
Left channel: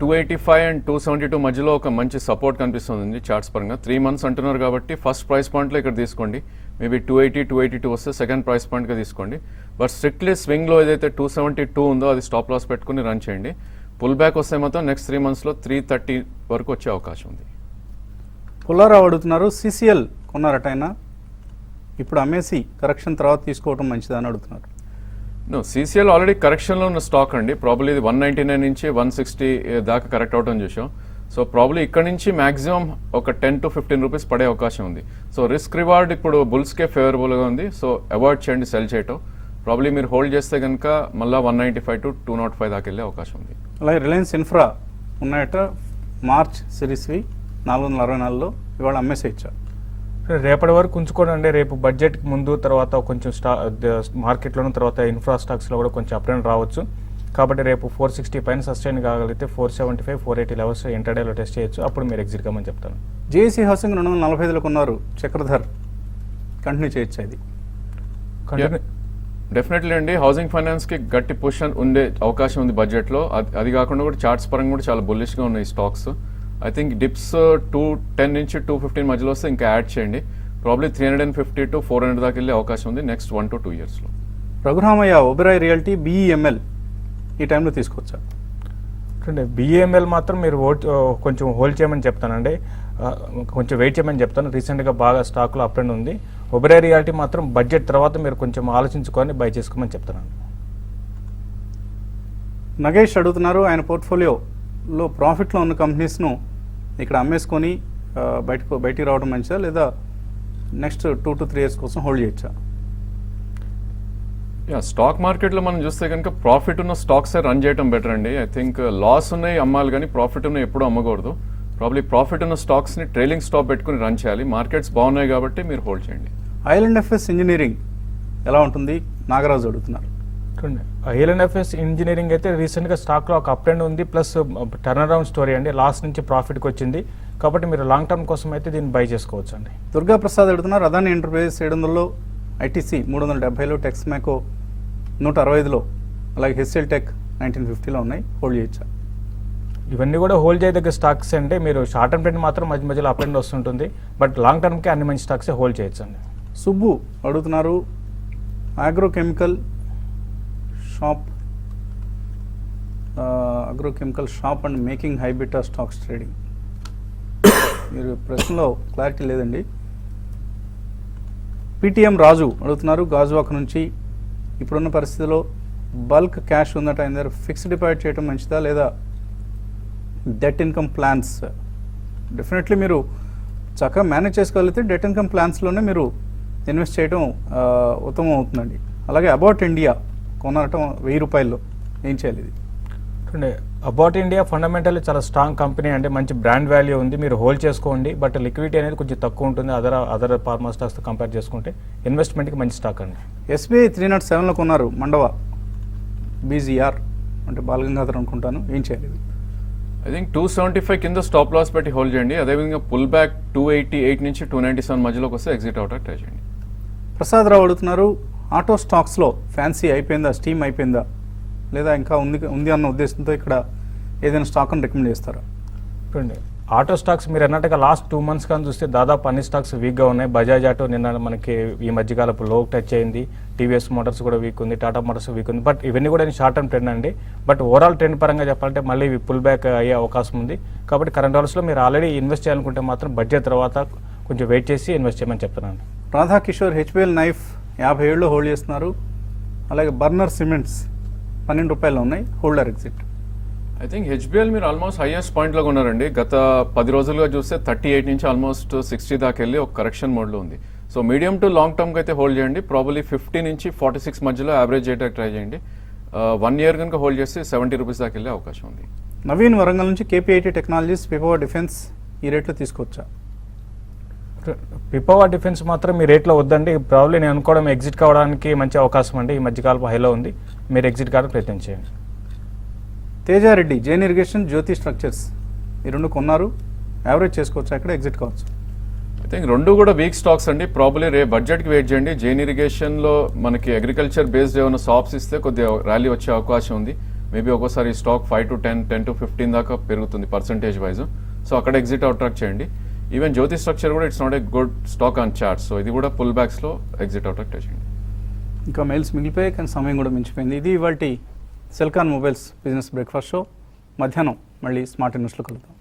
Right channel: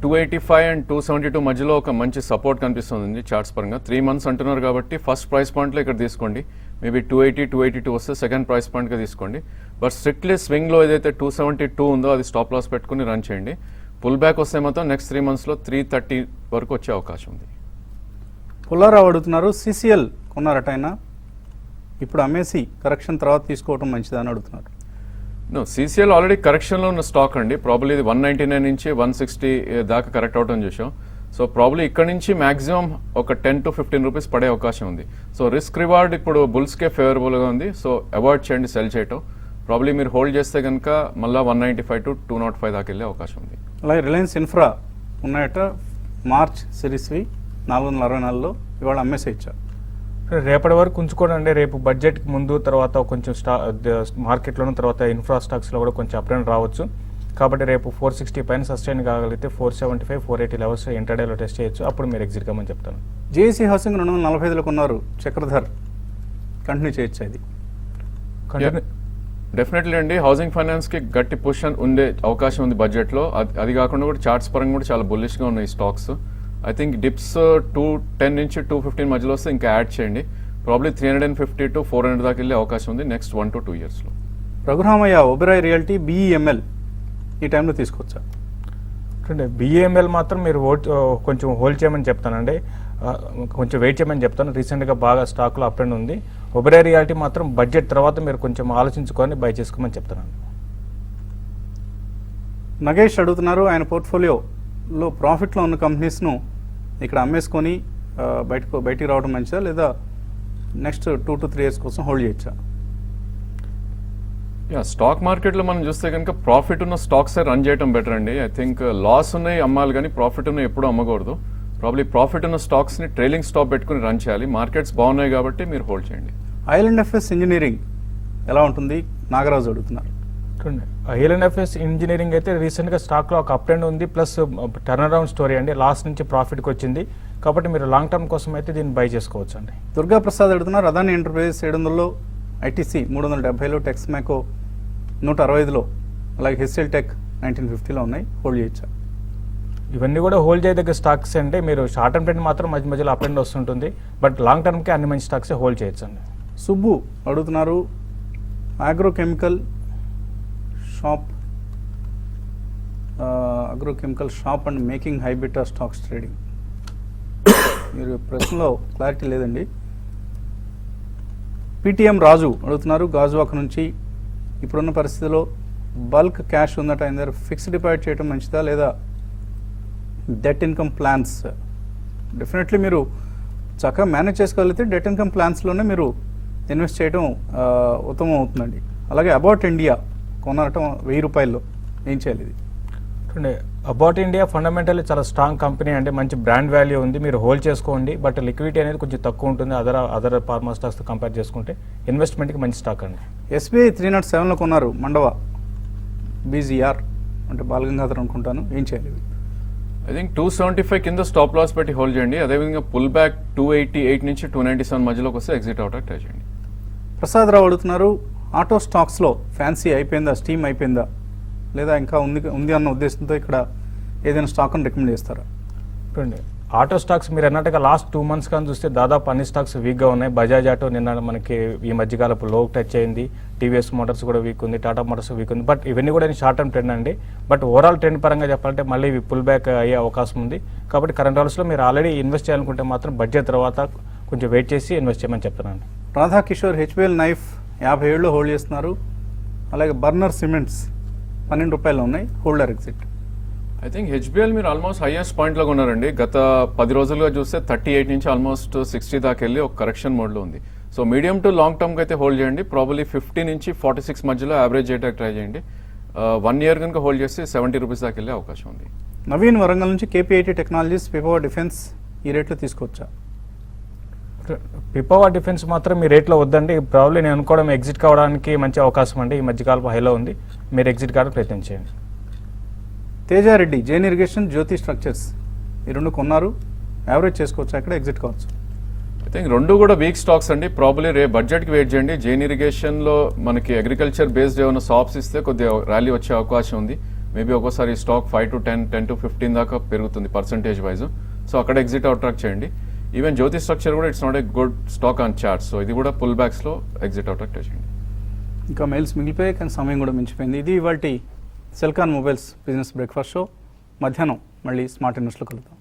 285 and 272 మధ్యలో ఒక మంచి సపోర్ట్ కనిపిస్తుంది చార్ట్స్ పరంగా. 3 months అంటున్నారు కాబట్టి ఫస్ట్ ప్రైస్ పాయింట్ లో ఇక్కడ తీసుకోండి. మేబీ 280, 282 వస్తే సెకండ్ ప్రైస్ పాయింట్ గా తీసుకోండి. బట్ స్ట్రిక్ట్లీ స్వింగ్ లో ఏదైతే 272 ఉందో అది స్టాప్ లాస్ పెట్టుకుని రన్ చేయండి. పుల్ బ్యాక్ వస్తే మాత్రం నెక్స్ట్ 3 months లో 330 వరకు వచ్చే అవకాశం ఉంది. పుల్లారావు అడుగుతున్నారు. సిసిఎల్ కొన్నారట ఆయన, ఇప్పుడు అమ్మేసి కరెక్షన్ తర్వాత తీసుకోవడం మంచిదని అడుగుతున్నారు. సిసిఎల్ ఆల్రెడీ కరెక్షన్ లో ఉన్న స్టాక్ అండి. ప్రాబ్లీ 199 నుంచి 160 దాకా కరెక్ట్ అవటం చూసాం. సో ప్రాబ్లీ ఇక్కడ నుంచి మాక్సిమం ఒక 10 to 15 రూపీస్ పడే అవకాశం ఉంది. సో రిస్క్ రివార్డ్ ఇప్పుడు బుల్స్ కే ఫేవరబుల్ గా ఉంది. సో అవాయిడ్ చేయండి సెల్ చేయటం. ప్రాబ్లీ మీరు హోల్డ్ చేస్తే కనుక మళ్ళీ 195 to 205 దాకా వెళ్ళే అవకాశం ఉంది. అలాగే రిలయన్స్ ఇన్ఫ్రా ఉన్నాయట, మార్చ్ సిరీస్వి 464లో ఇవాళ అమ్మేసి ఇచ్చారు. రేపటి వరకు ఉంచుకోండి. రేపు బడ్జెట్ ముందు తర్వాత కొంచెం మార్కెట్లోను తర్వాత ఇన్ఫ్రా స్టాక్స్లో కూడా కొంచెం అప్ అండ్ రావచ్చు. కాబట్టి రేపు 460 పైన సస్టైన్ కాగలిగితే 475, 480 లెవెల్స్ ఇంటర్డేలో టెస్ట్ చేయొచ్చు. అప్పుడు మీరు ఎగ్జిట్ కమని చెప్తాను. జేఏసీ హౌసింగ్ 245లో కొన్నారు, చక్రధర్ కంటిన్యూ చేయొచ్చు. ఇది డెఫినెట్లీ అండి. హౌసింగ్ ఫైనాన్స్ కి గట్టి పొజిషన్ ఉండే అవకాశం ఉంది బడ్జెట్ లో. అది కాకుండా కూడా చార్ట్స్ పరంగా కూడా చాలా బుల్లిష్ గా ఉన్నాయి స్టాక్స్. ఐ థింక్ డిప్స్ 210 నుంచి 215 మధ్యలో వస్తే ఇంకా యాడ్ చేయండి. ప్రాబ్లీ 350 to 400 దాకా వెళ్ళే అవకాశం ఉంది నెక్స్ట్ 1 to 2 years లో. రఘురామయ్య ఒబెరాయ్ రియల్టీ బిఈఎంఎల్ ఈ టైంలో తీసుకోవచ్చా? అంటే బిఏఎంఎల్ మాత్రం మీరు కొంచెం హోల్డ్ చేయమని చెప్తానండి. కొంచెం వెయిట్ చేయమని చెప్తాను. రీసెంట్గా బాగా స్టాక్లో అప్ అండ్ ఉంది. ఒబెరాయ్ రియాలిటీ మాత్రం బడ్జెట్ తర్వాత మీరు కొంచెం ఆలోచించుకొని బై చేసుకోమని చెప్తాను. నగేష్ అడుగుతున్నారు, ఆయన పోర్ట్ఫోలియోలో ప్రాఫిట్లో ఉన్న కంపెనీస్ను ఇక్కడ అమ్మేసుకొని బయటికి రావడం మంచిదా, లేదా నెక్స్ట్ 2 to 3 years కోసం హోల్డ్ చేయొచ్చా? స్టాక్ మార్కెట్ లో మనం చూస్తే కనుక ప్రాఫిట్ ఉన్న స్టాక్స్ రన్ చేయడం బెటర్ అండి. ఐ థింక్ లాస్ ఉన్నాయి అమ్మాలి, కానీ ప్రాఫిట్ ఉన్నాయి ఎప్పుడు అమ్మకూడదు. ప్రాబ్లీ ప్రాఫిట్ ఉన్న స్టాక్స్ ని ట్రైలింగ్ స్టాప్ పెట్టుకుని రన్ చేయాలి. మార్కెట్స్ బాగున్నాయి కాబట్టి మీరు హోల్డ్ చేయండి. ఐఎల్ఎండ్ఎఫ్ఎస్ ఇంజనీరింగ్ ఎలా ఉంటుంది? నాగరాజు అడుగుతున్నారు. ఐఎల్ఎండ్ఎఫ్ఎస్ ఇంజనీరింగ్ అయితే రీసెంట్ గా స్టాక్ లో ఒక అప్ అండ్ ఉంది, ప్లస్ టర్న్ అరౌండ్ స్టోరీ అండి. లాస్ట్ నుంచి ప్రాఫిట్ కి వచ్చింది కాబట్టి మీరు లాంగ్ టర్మ్ కోసం అయితే దీన్ని బై చేసుకోవచ్చు అండి. దుర్గా ప్రసాద్ అడుగుతున్నారు, అదాని ఎంటర్ప్రైజెస్ 700లో, ఐటీసీ 370లో, టెక్స్ మ్యాకో 165లో, అలాగే హెచ్ఎల్ టెక్ 1950లో ఉన్నాయి, హోల్డ్ చేయొచ్చా? ఇవన్నీ కూడా హోల్డ్ చేయదగ్గ స్టాక్స్ అండి. మీరు షార్ట్ టర్మ్ రేట్ మాత్రం మధ్య మధ్యలో అప్ అండ్ వస్తుంటుంది. బట్ లాంగ్ టర్మ్ కి అన్ని మంచి స్టాక్స్ హోల్డ్ చేయొచ్చు అండి. సుబ్బు అడుగుతున్నారు, agrochemical shop and making high beta stocks trading. మీరు ప్రశ్నలో క్లారిటీ లేదండి. పిటిఎం రాజు అడుగుతున్నారు, గాజువాక నుంచి, ఇప్పుడున్న పరిస్థితిలో బల్క్ క్యాష్ ఉందట, ఆయన దగ్గర ఫిక్స్డ్ డిపాజిట్ చేయడం మంచిదా, లేదా డెట్ ఇన్కమ్ ప్లాన్స్? డెఫినెట్లీ మీరు చక్కగా మేనేజ్ చేసుకోగలిగితే డెట్ ఇన్కమ్ ప్లాన్స్లోనే మీరు ఇన్వెస్ట్ చేయడం ఉత్తమం అవుతుందండి. అలాగే అబౌట్ ఇండియా కొనటం 1000 రూపాయలు ఏం చేయాలి ఇది? అబౌట్ ఇండియా ఫండమెంటల్ చాలా స్ట్రాంగ్ కంపెనీ అండి, మంచి బ్రాండ్ వాల్యూ ఉంది, మీరు హోల్డ్ చేసుకోండి. బట్ లిక్విడిటీ అనేది కొంచెం తక్కువ ఉంటుంది అదర్ ఫార్మా స్టాక్స్ కంపేర్ చేసుకుంటే. ఇన్వెస్ట్మెంట్కి మంచి స్టాక్ అండి. SBI 307లో కొన్నారు మండవ BGR అంటే బాలగంగాధర్ అనుకుంటాను, ఏం చేయాలి ఇది? ఐ థింక్ 275 కింద స్టాప్ లాస్ పెట్టి హోల్డ్ చేయండి. అదేవిధంగా పుల్ బ్యాక్ 288 నుంచి 297 మధ్యలోకి వస్తే ఎగ్జిట్ అవడానికి ట్రై చేయండి. ప్రసాద్ రావు అడుగుతున్నారు, ఆటో స్టాక్స్లో ఫ్యాన్సీ అయిపోయిందా, స్టీమ్ అయిపోయిందా, లేదా ఇంకా ఉంది అన్న ఉద్దేశంతో ఇక్కడ ఏదైనా స్టాక్ అని రికమెండ్ చేస్తారా? చూడండి, ఆటో స్టాక్స్ మీరు అన్నట్టుగా లాస్ట్ 2 months కానీ చూస్తే దాదాపు అన్ని స్టాక్స్ వీక్గా ఉన్నాయి. బజాజ్ ఆటో నిన్న మనకి ఈ మధ్యకాలపు లో టచ్ అయింది, టీవీఎస్ మోటార్స్ కూడా వీక్ ఉంది, టాటా మోటార్స్ వీక్ ఉంది. బట్ ఇవన్నీ కూడా షార్ట్ టర్మ్ ట్రెండ్ అండి. బట్ ఓవరాల్ ట్రెండ్ పరంగా చెప్పాలంటే మళ్ళీ పుల్ బ్యాక్ అయ్యే అవకాశం ఉంది. కాబట్టి కరెంట్ అవర్స్లో మీరు ఆల్రెడీ ఇన్వెస్ట్ చేయాలనుకుంటే మాత్రం బడ్జెట్ తర్వాత కొంచెం వెయిట్ చేసి ఇన్వెస్ట్ చేయమని చెప్తానండి. రాధాకిషోర్ HBL నైఫ్ 50 ఏళ్ళు హోల్డ్ చేస్తున్నారు. అలాగే బర్నర్ సిమెంట్స్ 12 రూపాయలు ఉన్నాయి, holder exit. I think HBL మీరు ఆల్మోస్ట్ హైయెస్ట్ పాయింట్ లో ఉన్నారండి. గత 10 రోజులుగా చూస్తే 38 నుంచి ఆల్మోస్ట్ 60 దాకా వెళ్ళి ఒక కరెక్షన్ మోడ్ లో ఉంది. So medium to long term అయితే హోల్డ్ చేయండి. ప్రాబబ్లీ 50 నుంచి 46 మధ్యలో యావరేజ్ చేయడానికి ట్రై చేయండి. 1 year కనుక హోల్డ్ చేస్తే 70 రూపీస్ దాకా వెళ్ళే అవకాశం ఉంది. నవీన్ వరంగల్ నుంచి KPIT టెక్నాలజీస్, పిపవా డిఫెన్స్ ఈ రేట్లో తీసుకోవచ్చా? పిపవా డిఫెన్స్ మాత్రం మీ రేట్లో వద్దండి. ప్రాబ్లీ నేను అనుకోవడం ఎగ్జిట్ కావడానికి మంచి అవకాశం అండి. ఈ మధ్యకాలం హైలో ఉంది, మీరు ఎగ్జిట్ కావడానికి ప్రయత్నం చేయండి. తేజారెడ్డి, జైన్ ఇరిగేషన్, జ్యోతి స్ట్రక్చర్స్ ఈ రెండు కొన్నారు, యావరేజ్ చేసుకోవచ్చు, అక్కడ ఎగ్జిట్ కావచ్చు. ఐ థింక్ రెండు కూడా వీక్ స్టాక్స్ అండి. ప్రాబ్లీ రేపు బడ్జెట్ కి వెయిట్ చేయండి. జైన్ ఇరిగేషన్ లో మనకి అగ్రికల్చర్ బేస్డ్ ఏమైనా షాప్స్ ఇస్తే కొద్దిగా ర్యాలీ వచ్చే అవకాశం ఉంది. మేబీ ఒక్కోసారి స్టాక్ 5 to 10, 10 to 15 దాకా పెరుగుతుంది పర్సెంటేజ్ వైజ్. సో అక్కడ ఎగ్జిట్ అవుట్రాక్ట్ చేయండి. ఈవెన్ జ్యోతి స్ట్రక్చర్ కూడా it's not a good stock on chart. So ఇది కూడా పుల్ బ్యాక్స్ లో ఎగ్జిట్ అవుట్రాక్ట్ చేయండి. ఇంకా మెయిల్స్ మిగిలిపోయాయి కానీ సమయం కూడా మించిపోయింది. ఇది ఇవాల్టి Celkon mobiles business breakfast show. మధ్యాహ్నం మళ్ళీ స్మార్ట్ ఇన్వెస్ట్లో కలుద్దాం.